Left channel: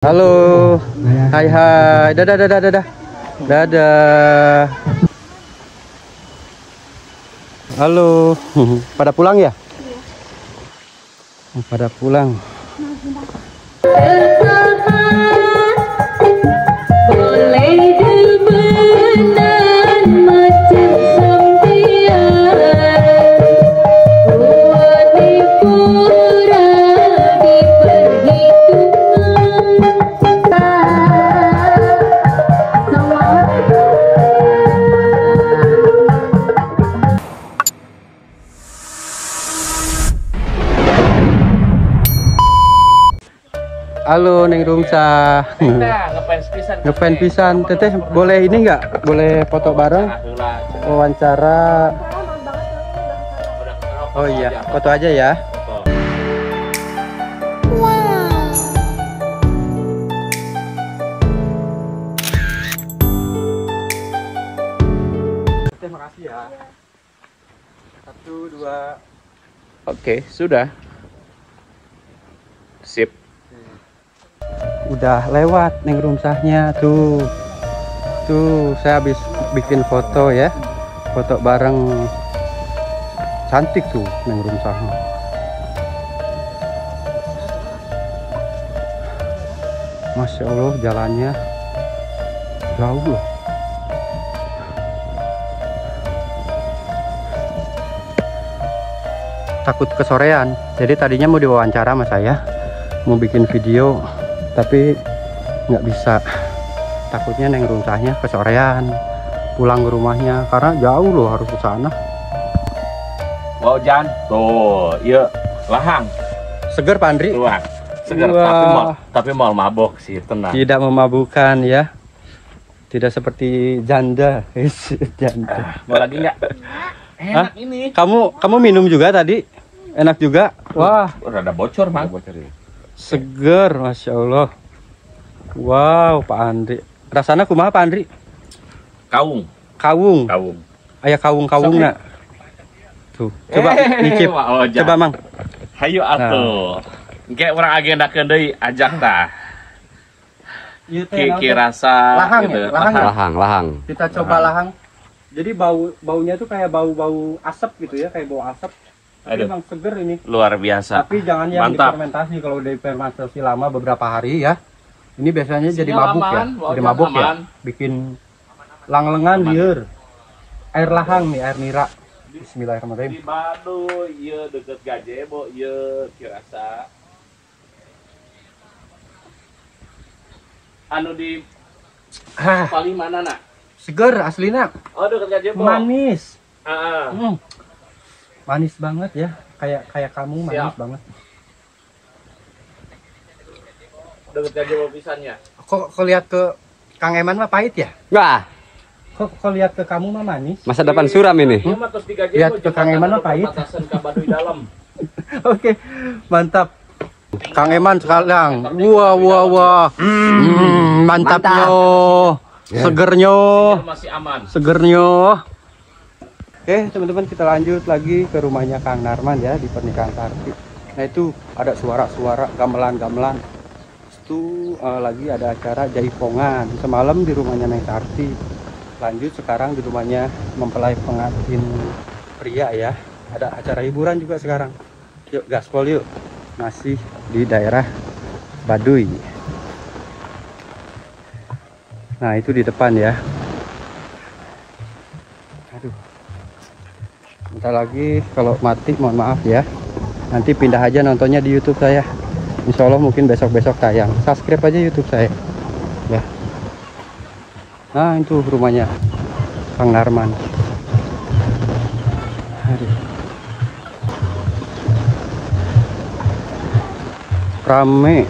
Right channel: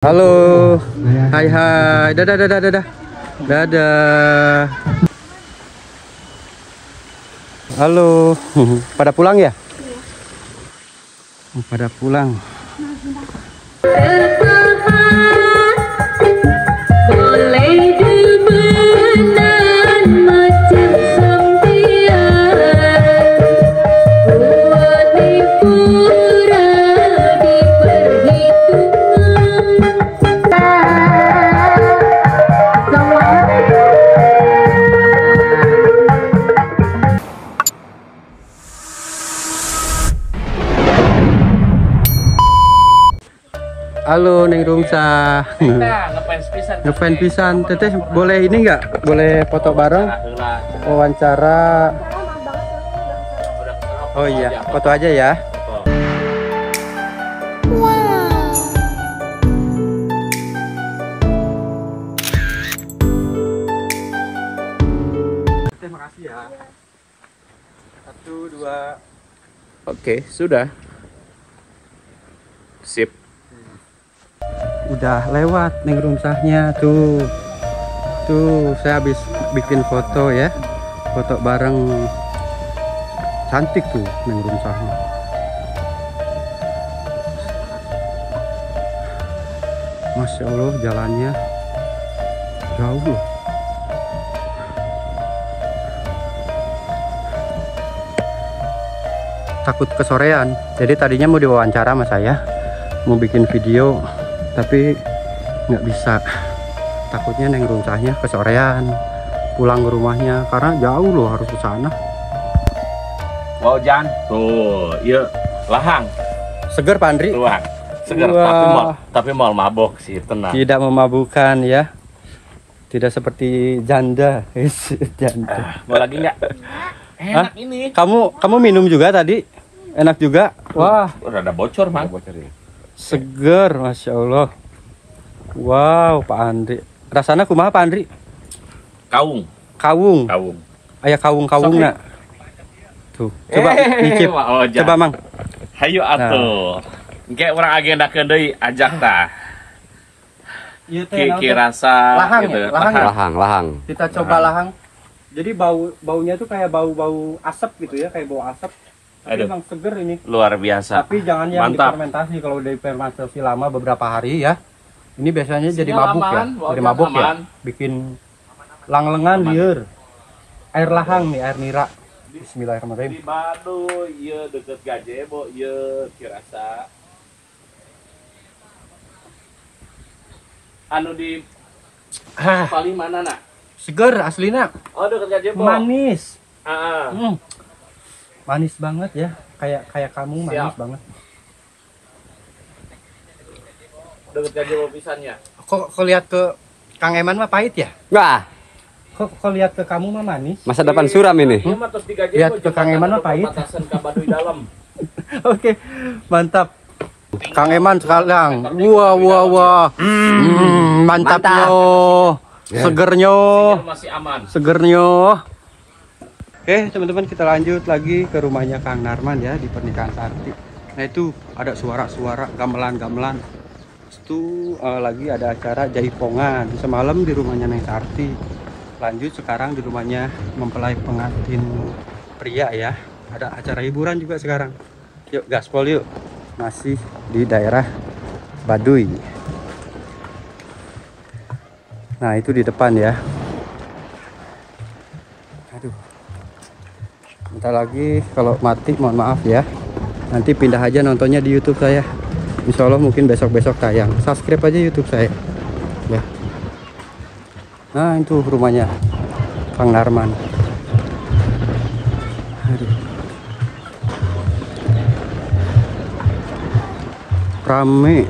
Halo, hai hai, dadah dadah dadah, dadah. Halo, pada pulang ya? Pada pulang. Halo Neng Rumsa. Ngefans pisan. Teteh boleh ini nggak? Boleh foto bareng? Wawancara. Oh iya, foto aja ya. Terima kasih ya. 1, 2. Oke, sudah. Sip. Udah lewat Neng Rumsahnya tuh. Tuh saya habis bikin foto ya. Foto bareng. Cantik tuh Neng Rumsahnya. Masya Allah jalannya jauh loh. Takut kesorean. Jadi tadinya mau diwawancara sama saya. Mau bikin video. Tapi nggak bisa, takutnya Neng Rumsahnya kesorean pulang ke rumahnya karena jauh loh, harus ke sana. Mau Jan tuh, iya lahang Seger Pak Andri? luang segar, tapi mau mabok sih, tenang. Tidak memabukkan ya, tidak seperti janda. Janda. Mau lagi nggak? Enak ini. Kamu minum juga tadi? Enak juga. Wah, Udah ada bocor mang. seger, Masya Allah. Wow, Pak Andri. Rasanya kumaha Pak Andri? Kawung. Ayah kawung nak. Tuh, coba nyicip. Coba Mang. Hayu atuh. Engke urang agenda deui ajak tah. Ki rasa lahang gitu. ya? Lahang ya? Lahang. Kita coba lahang. Jadi baunya tuh kayak bau asap gitu ya, kayak bau asap. Tapi Aduh. emang seger ini. Luar biasa. Tapi jangan yang Mantap. difermentasi. Kalau difermentasi lama beberapa hari ya. Ini biasanya jadi Semua mabuk ya. aman, Jadi aman, mabuk ya. aman. Bikin lang-lengan lieur. Air lahang nih, air nira. Bismillahirrahmanirrahim. Di Baduy, ieu deket Gajebo, ieu Kirasa. Anu di paling mana nak? Seger aslinya. Oh, deket Gajebo. Manis. Heeh. Manis banget ya. Kayak kamu manis Siap. banget. Deket Gajebo pisannya. Kok lihat ke Kang Eman mah pahit ya? Wah, Kok lihat ke kamu mah manis? masa depan suram ini. Ieu mah terus di Gajebo. Lihat ke Kang Eman mah pahit. Batasan ka Baduy dalam. Oke, mantap. Kang Eman sekarang. Wah. Mantapnya. Segernya. Masih aman. Segernya. Oke, teman-teman, kita lanjut lagi ke rumahnya Kang Narman ya di pernikahan Sarti. Nah, itu ada suara-suara gamelan. Itu lagi ada acara jaipongan semalam di rumahnya Neng Sarti. Lanjut sekarang di rumahnya mempelai pengantin pria ya. Ada acara hiburan juga sekarang. Yuk gaspol yuk. Masih di daerah Baduy. Nah, itu di depan ya. Aduh. Bentar lagi kalau mati mohon maaf ya. Nanti pindah aja nontonnya di YouTube saya. Insya Allah mungkin besok-besok tayang. Subscribe aja YouTube saya ya. Nah, itu rumahnya Kang Narman. Aduh. Rame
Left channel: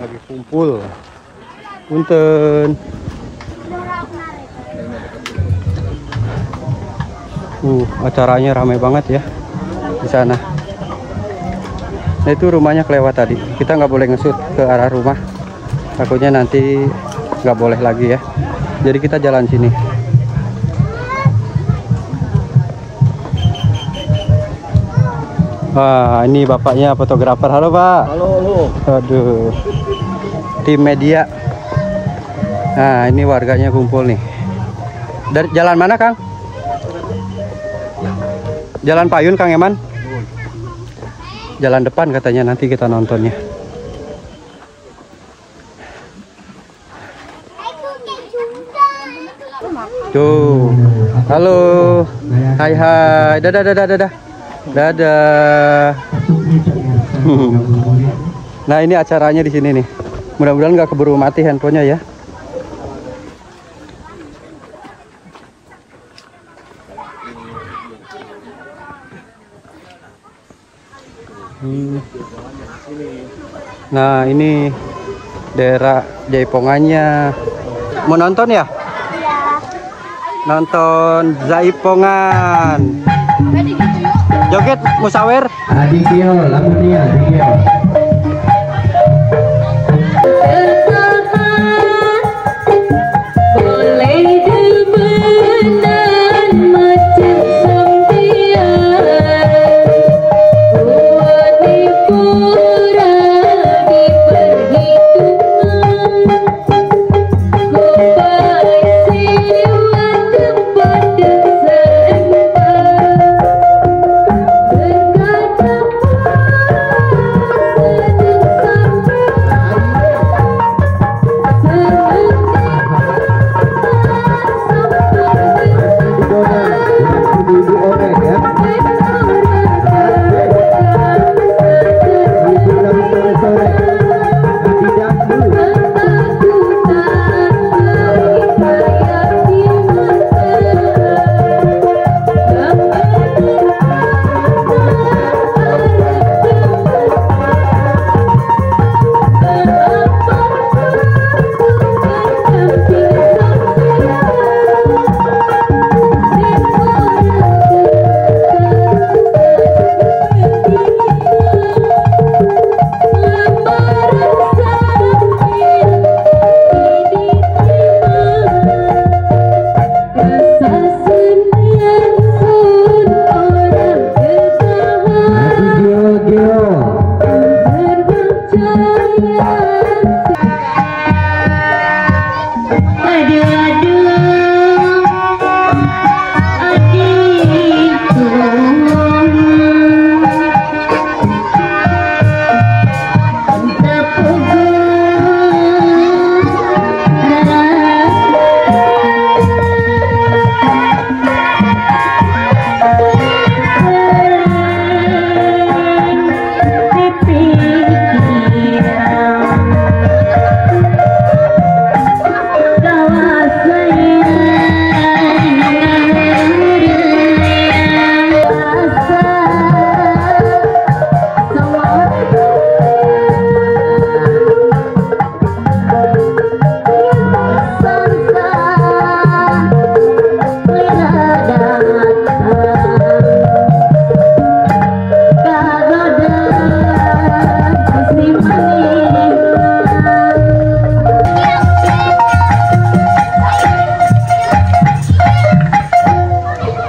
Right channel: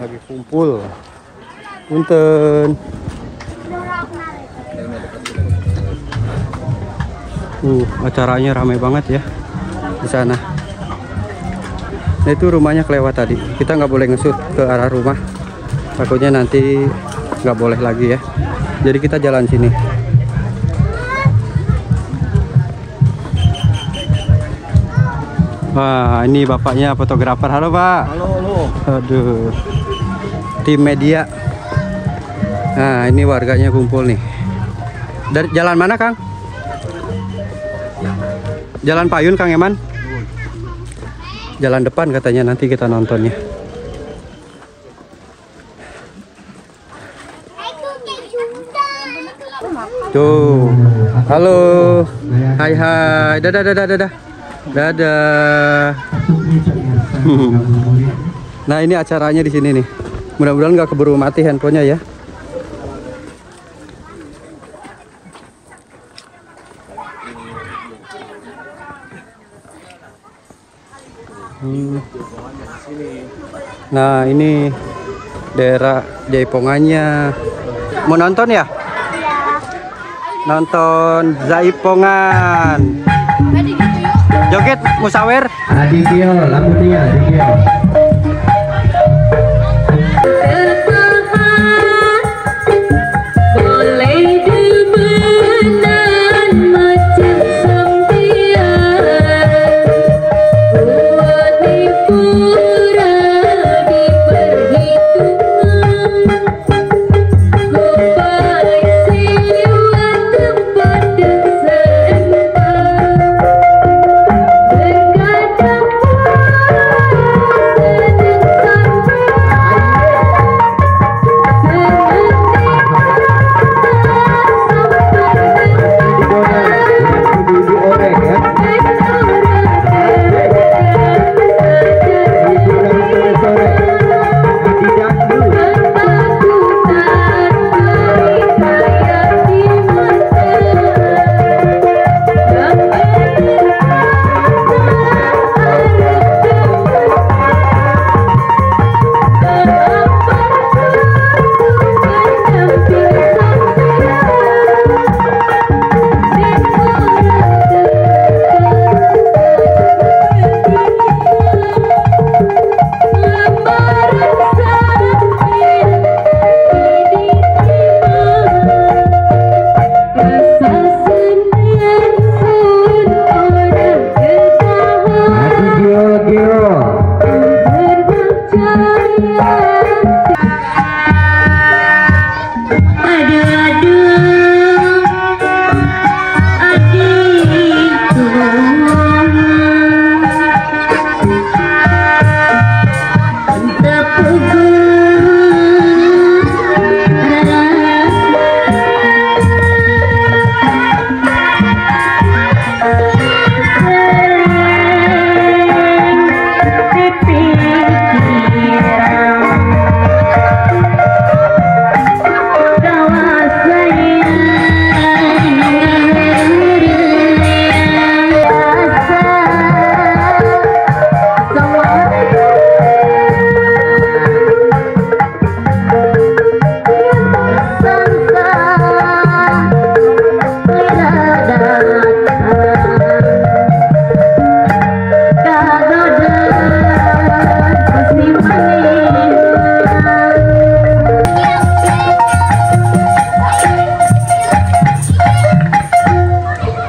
lagi kumpul. Punten. Acaranya rame banget ya di sana. Nah, itu rumahnya kelewat tadi. Kita nggak boleh ngesut ke arah rumah. Takutnya nanti nggak boleh lagi ya. Jadi kita jalan sini. Wah, ini bapaknya fotografer. Halo, Pak. Halo, halo. Aduh. Tim media. Nah, ini warganya kumpul nih. Dari jalan mana, Kang? Jalan Payun, Kang Eman? Jalan depan katanya, nanti kita nontonnya. Tuh. Halo. Hai hai. Dadah dadah dadah. Dadah. Nah, ini acaranya di sini nih. Mudah-mudahan nggak keburu mati handphonenya ya. Nah, ini daerah Jaipongannya. Mau nonton ya? Nonton Jaipongan. Joget musawer. Adikio, lagunya Adikio.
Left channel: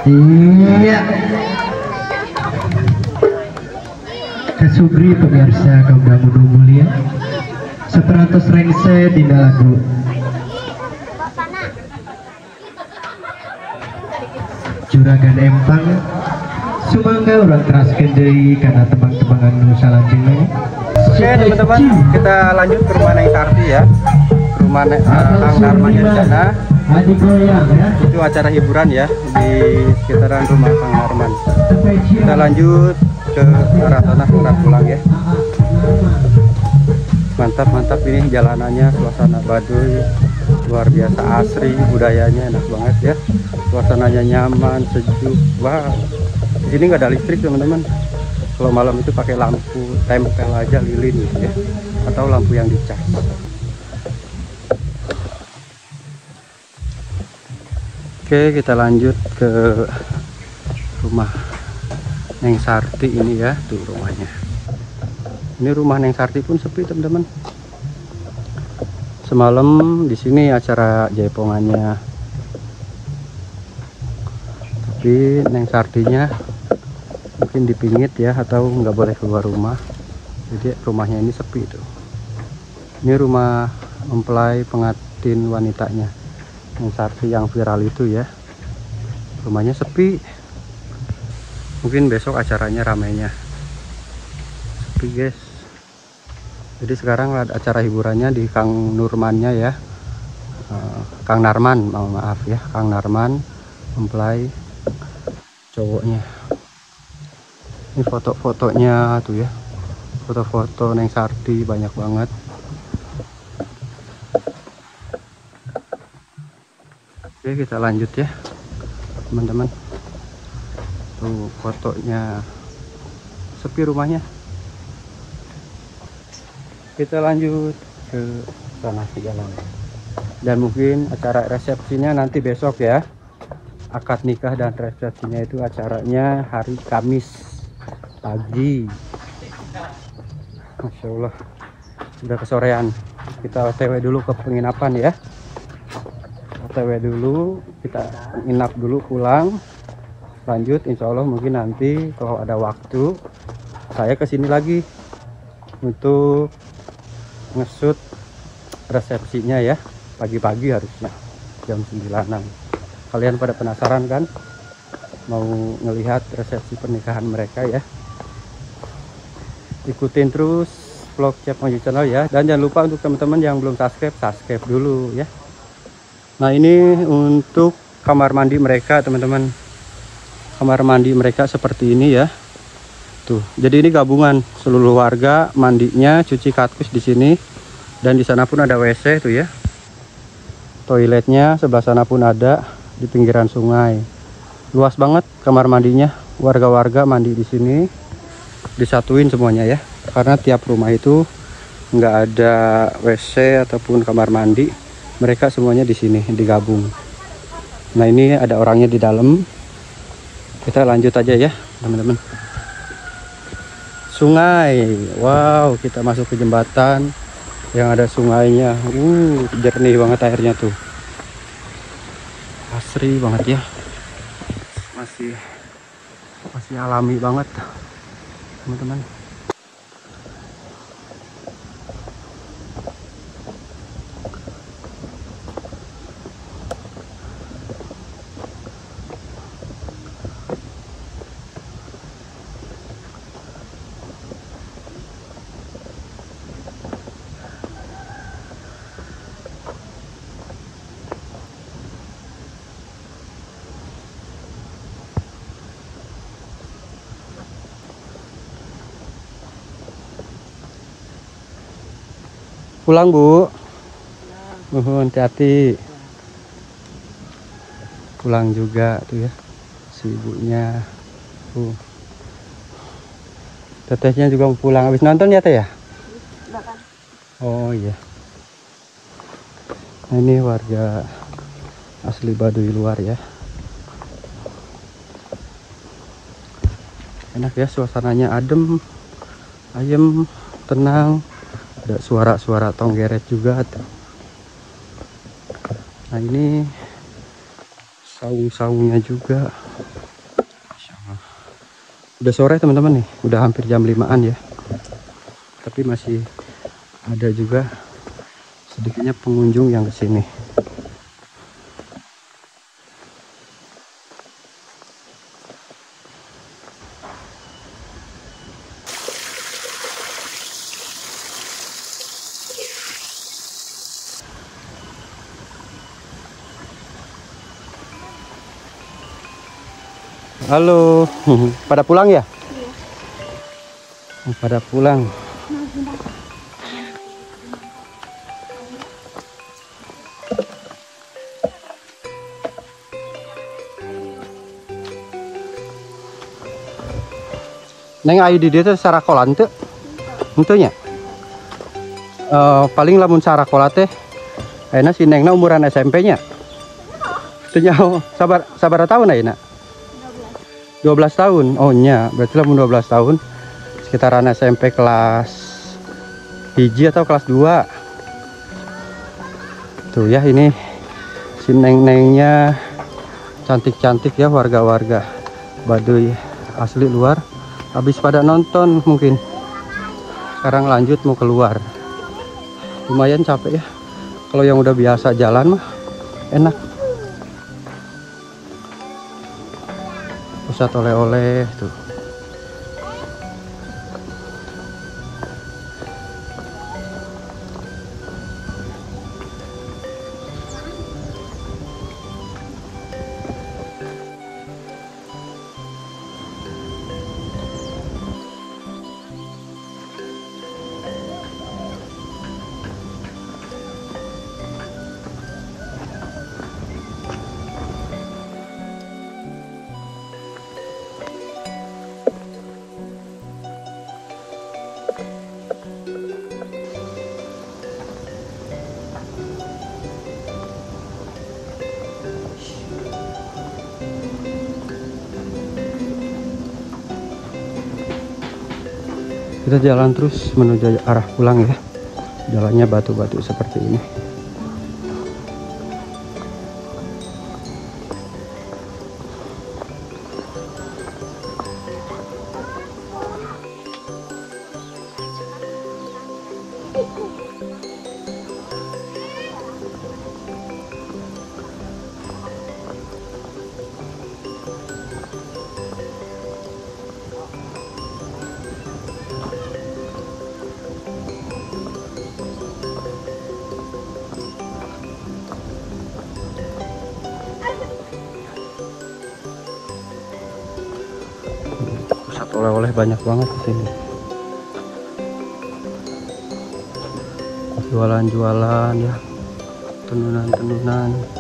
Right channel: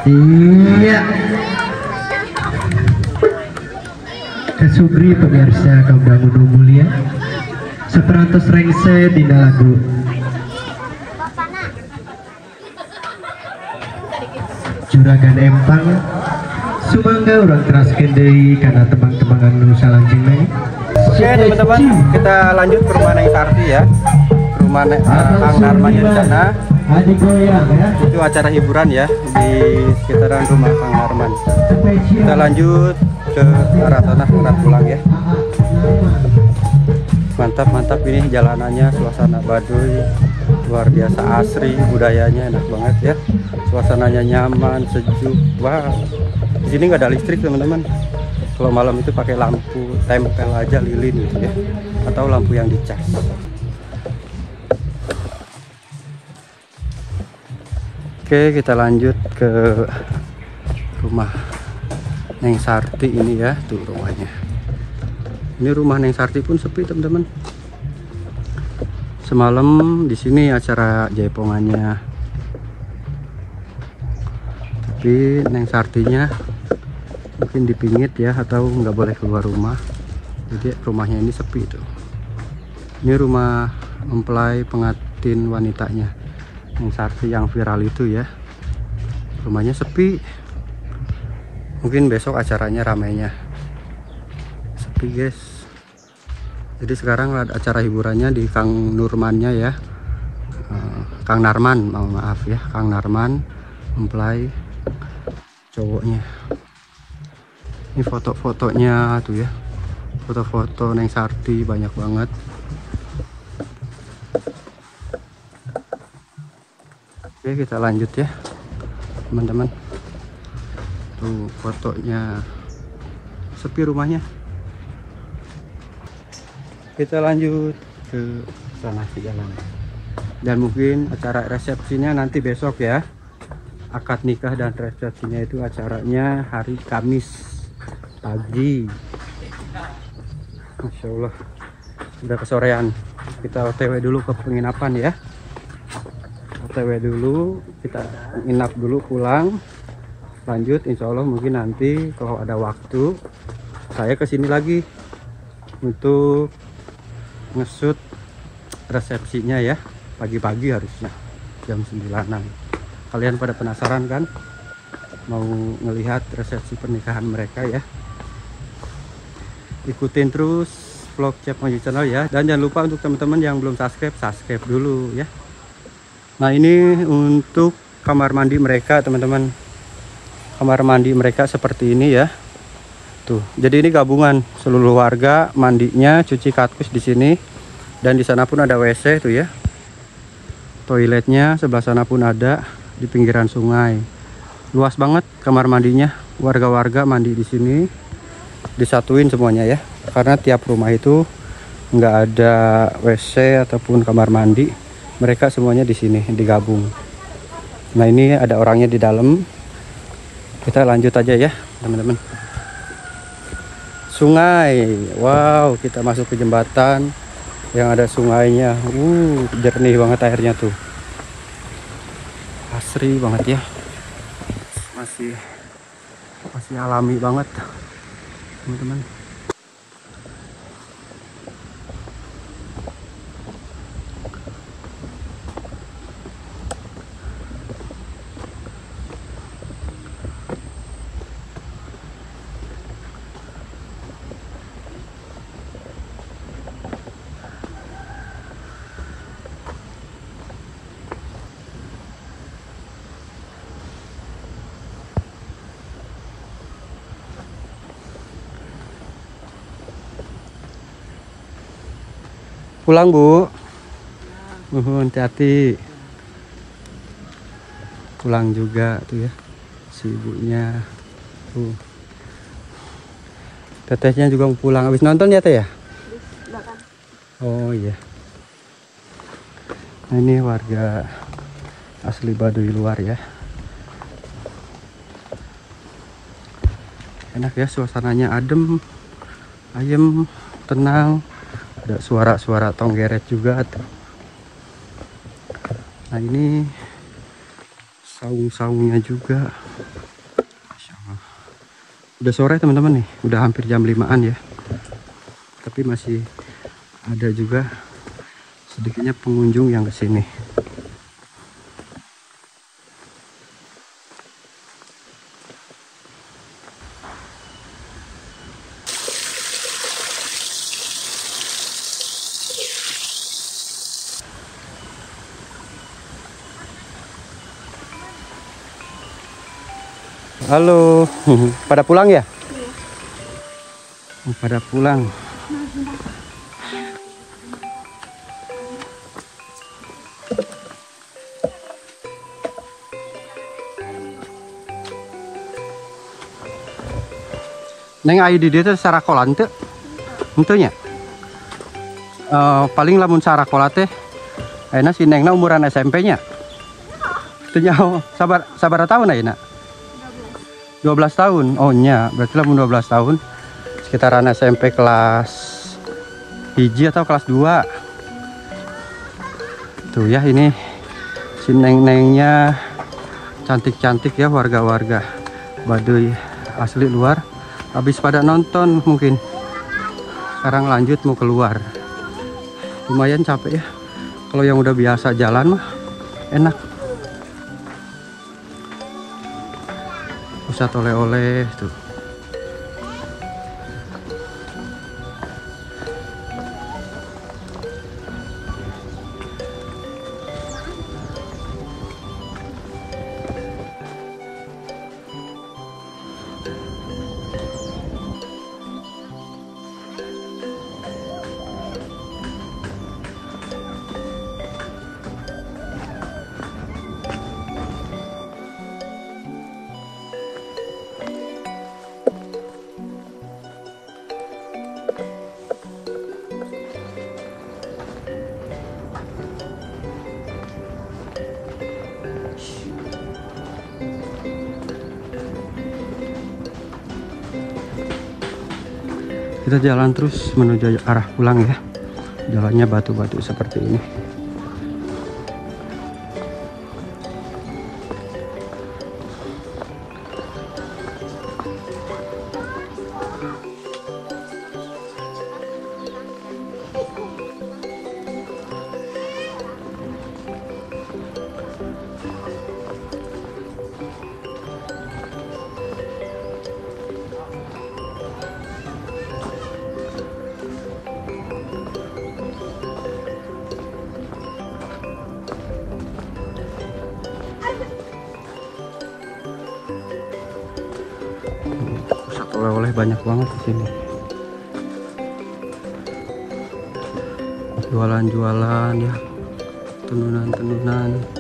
Iya. Kesugri pemirsa Kembang Udu mulia. Seterantos rengse di lagu. Juragan empang sumangga orang keras kendai karena tembang-tembangan nu salanjutnya. Oke teman-teman, kita lanjut ke rumah Neng Sarti ya. Ke rumah Kang Narmannya di sana. Itu acara hiburan ya di sekitaran rumah Kang Narman. Kita lanjut ke arah sana, arah pulang ya. Mantap-mantap ini jalanannya, suasana Baduy luar biasa, asri, budayanya enak banget ya. Suasananya nyaman, sejuk. Wah, di sini nggak ada listrik teman-teman. Kalau malam itu pakai lampu tempel aja lilin gitu ya, atau lampu yang dicas. Oke, kita lanjut ke rumah Neng Sarti ini ya, tuh rumahnya. Ini rumah Neng Sarti pun sepi teman-teman. Semalam di sini acara jaipongannya. Tapi Neng Sartinya mungkin dipingit ya, atau nggak boleh keluar rumah. Jadi rumahnya ini sepi tuh. Ini rumah mempelai pengantin wanitanya yang Sarti yang viral itu ya. Rumahnya sepi. Mungkin besok acaranya ramainya. Sepi guys. Jadi sekarang ada acara hiburannya di Kang Nurmannya ya. Kang Narman, maaf ya, Kang Narman mempelai cowoknya. Ini foto-fotonya tuh ya, foto-foto Neng Sarti banyak banget. Oke, kita lanjut ya teman-teman. Tuh fotonya, sepi rumahnya. Kita lanjut ke sana ke jalan. Dan mungkin acara resepsinya nanti besok ya. Akad nikah dan resepsinya itu acaranya hari Kamis pagi. Masya Allah, udah kesorean. Kita OTW dulu ke penginapan ya. OTW dulu, kita nginap dulu, pulang. Lanjut, insya Allah mungkin nanti kalau ada waktu saya kesini lagi untuk ngesut resepsinya ya. Pagi-pagi harusnya jam 9-an. Kalian pada penasaran kan mau ngelihat resepsi pernikahan mereka ya? Ikutin terus vlog Chef Mojo Channel ya. Dan jangan lupa untuk teman-teman yang belum subscribe dulu ya. Nah, ini untuk kamar mandi mereka teman-teman. Kamar mandi mereka seperti ini ya. Tuh, jadi ini gabungan seluruh warga, mandinya, cuci katkus di sini, dan di sana pun ada WC tuh ya. Toiletnya sebelah sana pun ada. Di pinggiran sungai, luas banget kamar mandinya. Warga-warga mandi di sini, disatuin semuanya ya, karena tiap rumah itu nggak ada WC ataupun kamar mandi. Mereka semuanya di sini digabung. Nah, ini ada orangnya di dalam. Kita lanjut aja ya teman-teman. Sungai, wow, kita masuk ke jembatan yang ada sungainya. Jernih banget airnya tuh. Asri banget ya, masih alami banget teman-teman. Pulang Bu, hati-hati. Pulang juga tuh ya si ibunya. Tetehnya juga mau pulang. Habis nonton ya Teh ya? Oh iya. Ini warga asli Baduy luar ya. Enak ya, suasananya adem, ayem, tenang. Ada suara-suara tonggeret juga tuh. Nah, ini saung-saungnya juga. Udah sore teman-teman nih, udah hampir jam 5-an ya. Tapi masih ada juga sedikitnya pengunjung yang kesini. Halo, pada pulang ya? Pada pulang. Neng ayu di dia tuh sarakolan tuh, tentunya. Paling lamun sarakola teh, enak si Nengna umuran SMP-nya. Tuh sabar tahun aja nak. 12 tahun, oh nya, berarti lamun 12 tahun, sekitaran SMP kelas 1 atau kelas 2. Tuh ya, ini si Neng-nengnya cantik-cantik ya, warga-warga Baduy asli luar. habis pada nonton mungkin. Sekarang lanjut mau keluar. Lumayan capek ya. Kalau yang udah biasa jalan mah enak. Pusat oleh-oleh tuh. Kita jalan terus menuju arah pulang ya. Jalannya batu-batu seperti ini. Oleh-oleh banyak banget di sini. Jualan-jualan ya, tenunan-tenunan.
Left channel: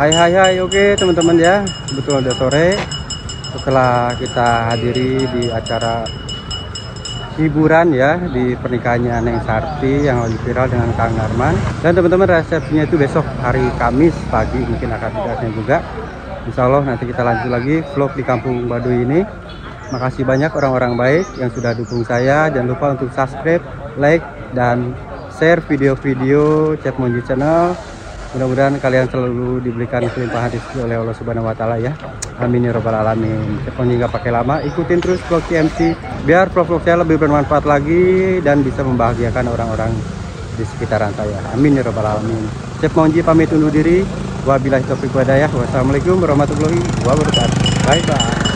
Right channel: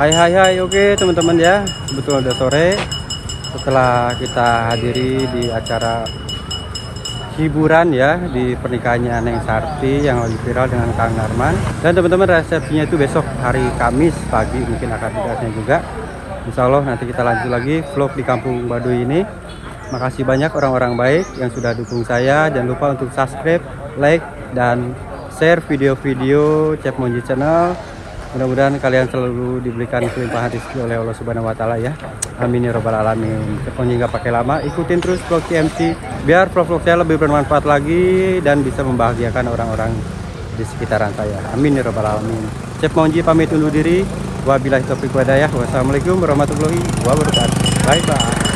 Hai, oke teman-teman ya, kebetulan udah sore setelah kita hadiri di acara hiburan ya di pernikahannya Neng Sarti yang lagi viral dengan Kang Narman. Dan teman-teman, resepsinya itu besok hari Kamis pagi, mungkin akan tugasnya juga. Insya Allah nanti kita lanjut lagi vlog di Kampung Baduy ini. Makasih banyak orang-orang baik yang sudah dukung saya. Jangan lupa untuk subscribe, like, dan share video-video Chef Monji Channel. Mudah-mudahan kalian selalu diberikan kelimpahan rezeki oleh Allah Subhanahu wa Ta'ala ya. Amin ya Rabbal Alamin. Chef Monji nggak pakai lama, ikutin terus vlog CMC biar vlog saya lebih bermanfaat lagi dan bisa membahagiakan orang-orang di sekitaran saya. Amin ya Rabbal Alamin. Chef Monji pamit undur diri. Wabillahi taufiq wal hidayah. Wassalamualaikum warahmatullahi wabarakatuh. Bye bye.